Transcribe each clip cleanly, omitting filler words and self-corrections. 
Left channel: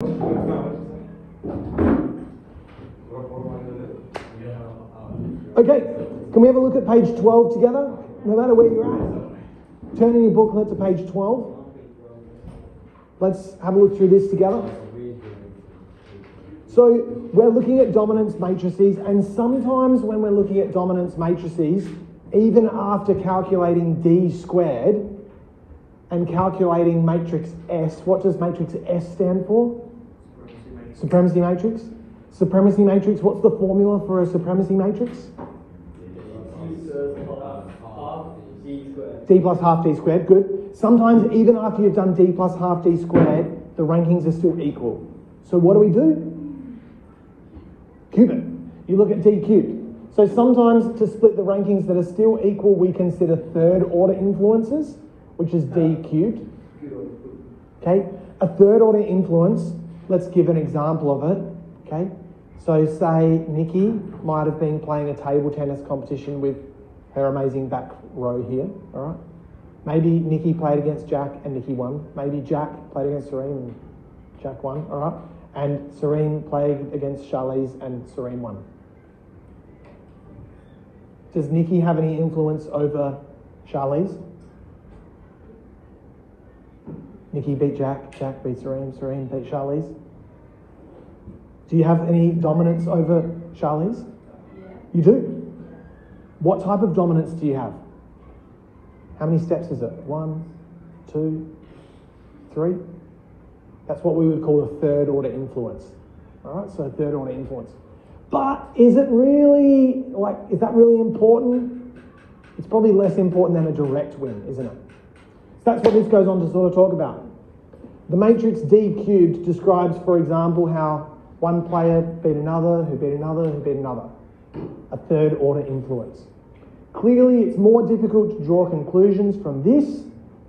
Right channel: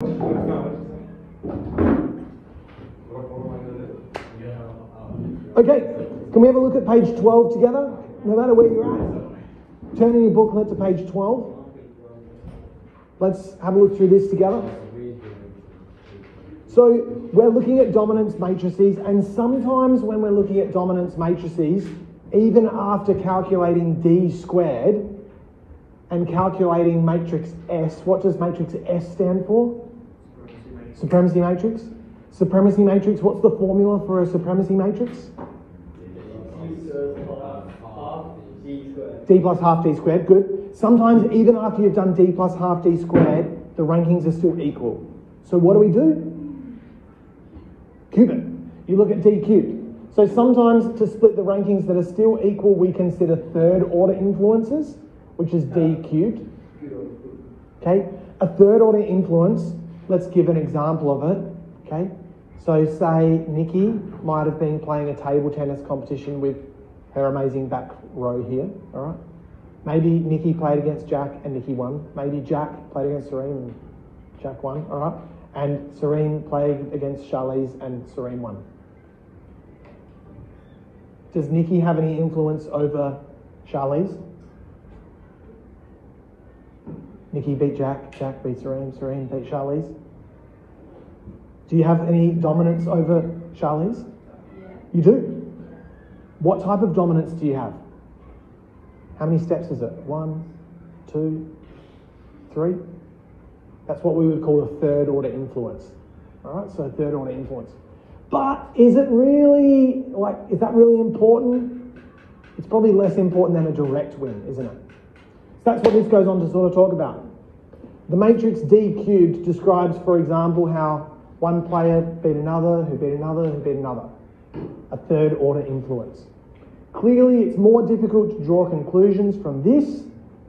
Okay, can we have a look at page 12 together? No matter where you're at. Turn in your booklet to page 12. Let's have a look through this together. So we're looking at dominance matrices, and sometimes when we're looking at dominance matrices, even after calculating D squared and calculating matrix S, what does matrix S stand for? Supremacy matrix. Supremacy matrix, what's the formula for a supremacy matrix? D plus half D squared, good. Sometimes even after you've done D plus half D squared, the rankings are still equal. So what do? Cube it. You look at D cubed. So sometimes to split the rankings that are still equal, we consider third order influences, which is D cubed. Okay, a third order influence, let's give an example of it. Okay, so say Nikki might have been playing a table tennis competition with her amazing back row here, all right? Maybe Nikki played against Jack and Nikki won. Maybe Jack played against Serene and Jack won, all right? And Serene played against Charlize and Serene won. Does Nikki have any influence over Charlize? Nikki beat Jack, Jack beat Serene, Serene beat Charlize. Do you have any dominance over Charlize? Yeah. You do? What type of dominance do you have? How many steps is it? 1, 2, 3? That's what we would call a third order influence. All right, so third order influence. But is it really, is that really important? It's probably less important than a direct win, isn't it? So that's what this goes on to sort of talk about. The matrix D cubed describes, for example, how one player beat another, who beat another, who beat another. A third order influence. Clearly, it's more difficult to draw conclusions from this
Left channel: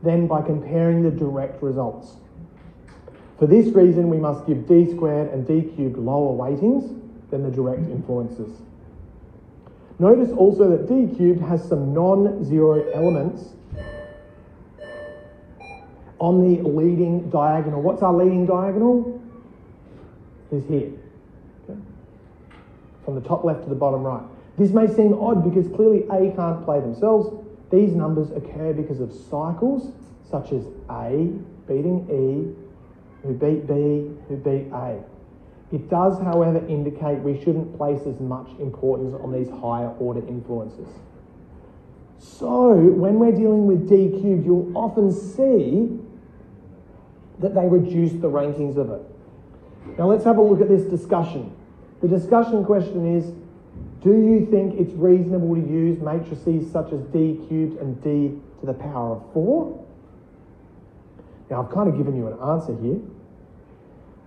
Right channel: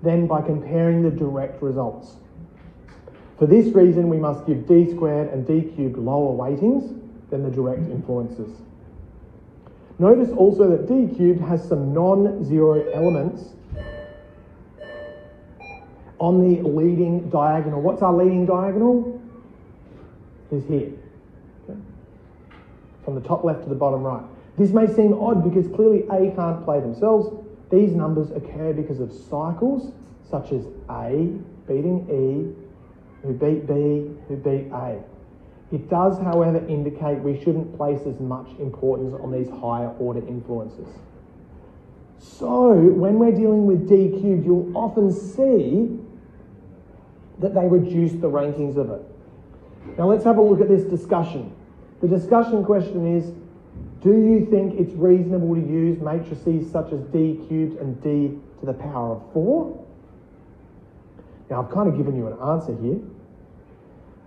than by comparing the direct results. For this reason, we must give D squared and D cubed lower weightings than the direct influences. Notice also that D cubed has some non-zero elements on the leading diagonal. What's our leading diagonal? Is here. Okay. From the top left to the bottom right. This may seem odd because clearly A can't play themselves. These numbers occur because of cycles, such as A beating E, who beat B, who beat A. It does, however, indicate we shouldn't place as much importance on these higher order influences. So, when we're dealing with D cubed, you'll often see that they reduce the rankings of it. Now let's have a look at this discussion. The discussion question is, do you think it's reasonable to use matrices such as D cubed and D to the power of 4? Now I've kind of given you an answer here.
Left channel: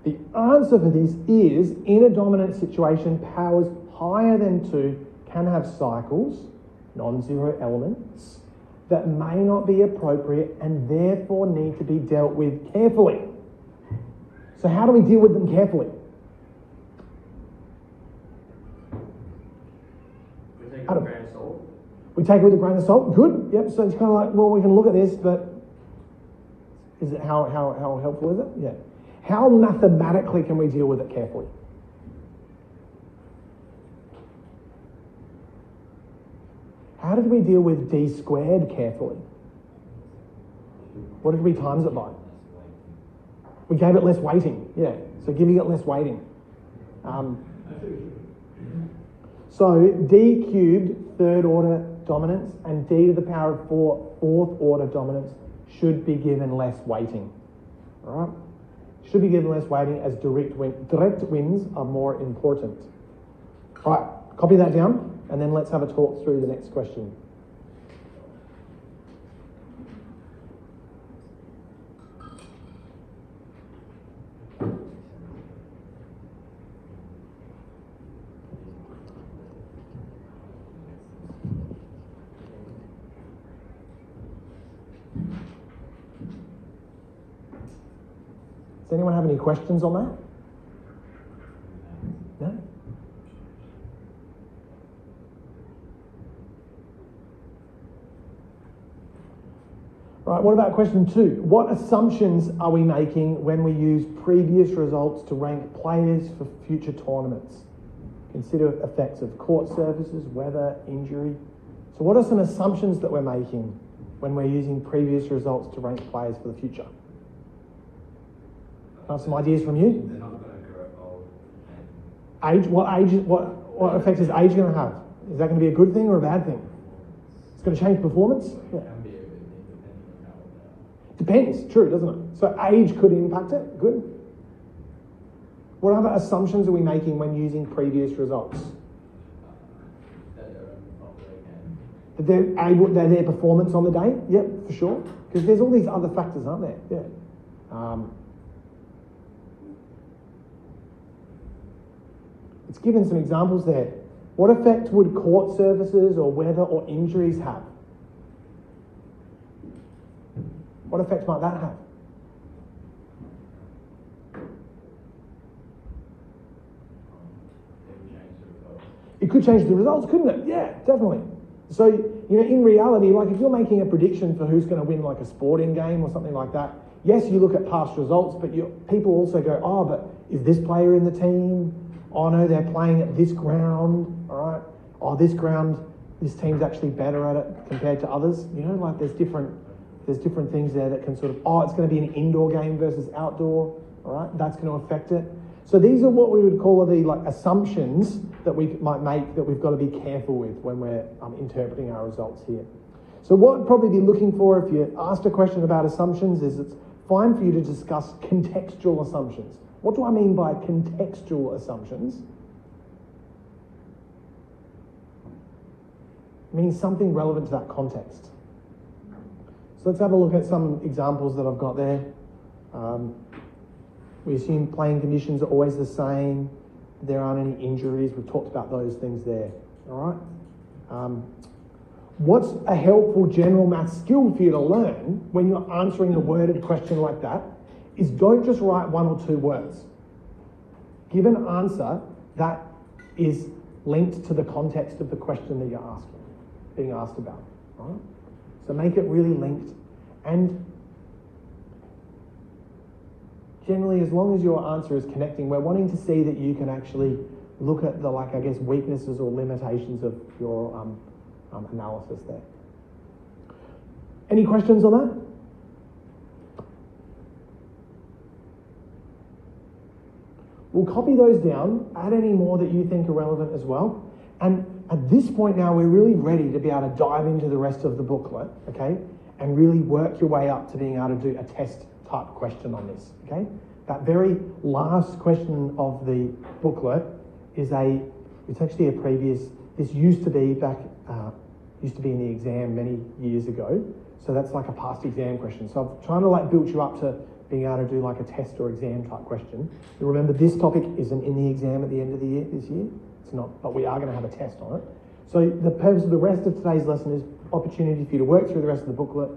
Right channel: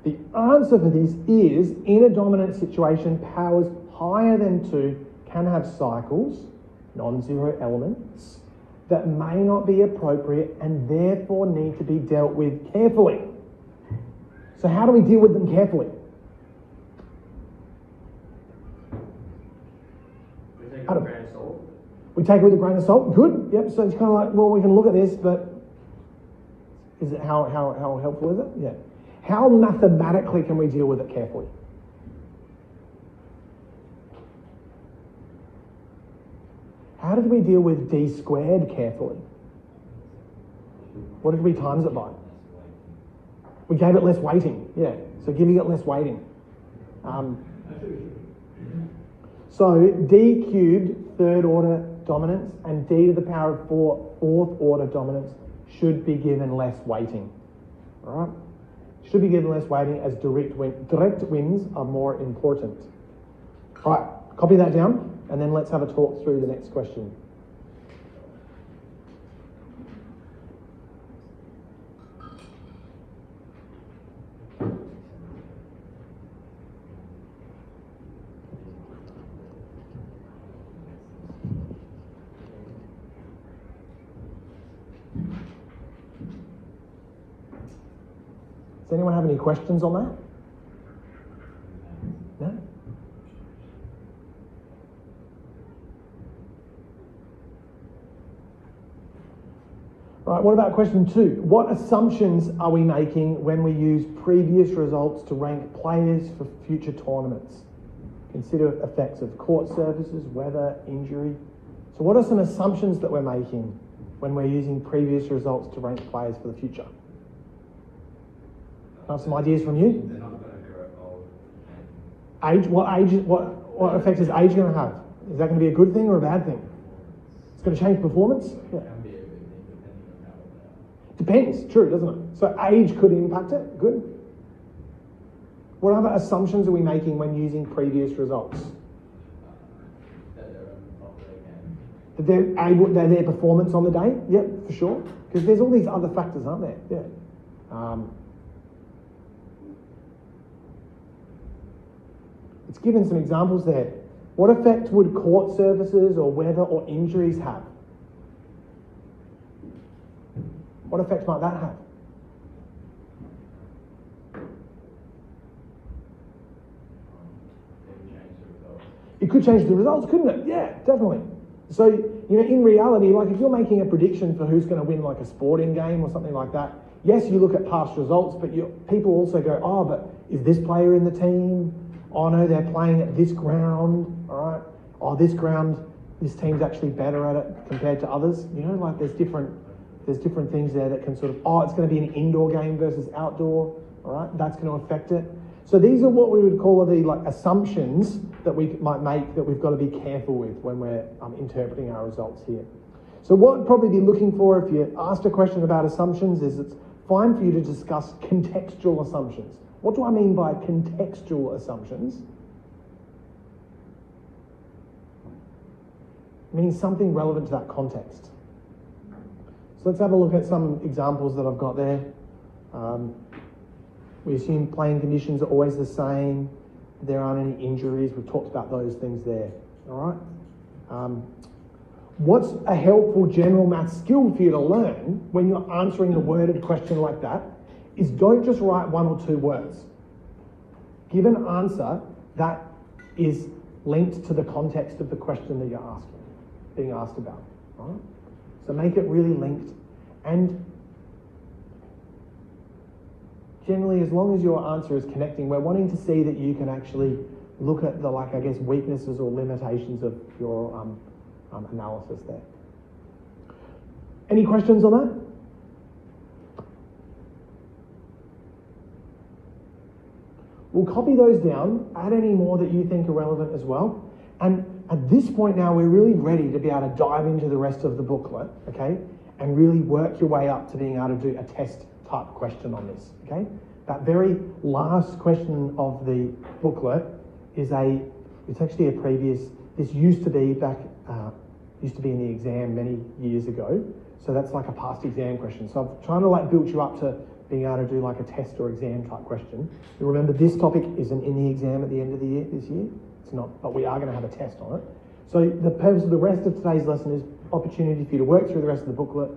The answer for this is, in a dominant situation, powers higher than 2 can have cycles, non-zero elements, that may not be appropriate and therefore need to be dealt with carefully. So how do we deal with them carefully? We take it with a grain of salt. Good. Yep. So it's kind of like, well, we can look at this, but is it how helpful is it? Yeah. How mathematically can we deal with it carefully? How did we deal with D squared carefully? What did we times it by? We gave it less weighting. Yeah. So giving it less weighting. So D cubed, third order dominance, and D to the power of 4, fourth order dominance should be given less weighting. All right? Should be given less weighting as direct wins are more important. All right, copy that down, and then let's have a talk through the next question. Does anyone have any questions on that? No? Right, what about question 2? What assumptions are we making when we use previous results to rank players for future tournaments? Consider effects of court surfaces, weather, injury. So what are some assumptions that we're making when we're using previous results to rank players for the future? Got some ideas from you? They're not going to grow old. Age? What effect is age going to have? Is that going to be a good thing or a bad thing? It's going to change performance? Yeah. It can be a good thing depending on how old they are. Depends, true, doesn't it? So age could impact it. Good. What other assumptions are we making when using previous results? That they're on the top of their game. That their performance on the day? Yep, for sure. Because there's all these other factors, aren't there? Yeah. It's given some examples there. What effect would court services or weather or injuries have? What effect might that have? It could change the results, couldn't it? Yeah, definitely. So, in reality, like if you're making a prediction for who's going to win like a sporting game or something like that, yes, you look at past results, but people also go, oh, but is this player in the team? Oh no, they're playing at this ground, all right? Oh, this ground, this team's actually better at it compared to others. Like there's different things there that can sort of, it's going to be an indoor game versus outdoor, all right? That's going to affect it. So these are what we would call the assumptions that we might make that we've got to be careful with when we're interpreting our results here. So what I'd probably be looking for if you asked a question about assumptions is it's fine for you to discuss contextual assumptions. What do I mean by contextual assumptions? It means something relevant to that context. So let's have a look at some examples that I've got there. We assume playing conditions are always the same. There aren't any injuries. We've talked about those things there. All right. What's a helpful general maths skill for you to learn when you're answering a worded question like that is don't just write 1 or 2 words. Give an answer that is linked to the context of the question that you're being asked about. All right? So make it really linked. And generally, as long as your answer is connecting, we're wanting to see that you can actually look at the, weaknesses or limitations of your analysis there. Any questions on that? We'll copy those down, add any more that you think are relevant as well. And at this point now, we're really ready to be able to dive into the rest of the booklet, okay? And really work your way up to being able to do a test type question on this, okay? That very last question of the booklet is it's actually a previous, this used to be in the exam many years ago. So that's like a past exam question. So I'm trying to build you up to being able to do a test or exam type question. You remember this topic isn't in the exam at the end of the year, this year. It's not, but we are going to have a test on it. So the purpose of the rest of today's lesson is opportunity for you to work through the rest of the booklet,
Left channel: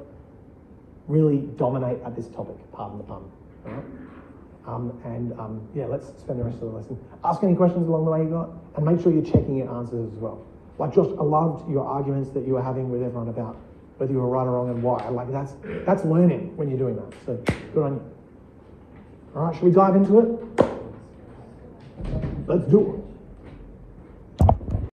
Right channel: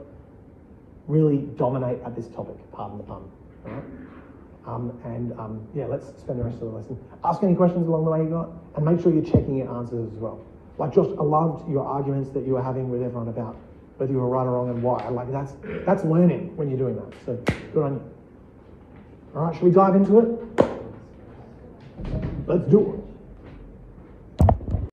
really dominate at this topic, pardon the pun. All right? Let's spend the rest of the lesson. Ask any questions along the way you got, and make sure you're checking your answers as well. Josh, I loved your arguments that you were having with everyone about whether you were right or wrong and why. That's learning when you're doing that. So good on you. All right, shall we dive into it? Let's do it.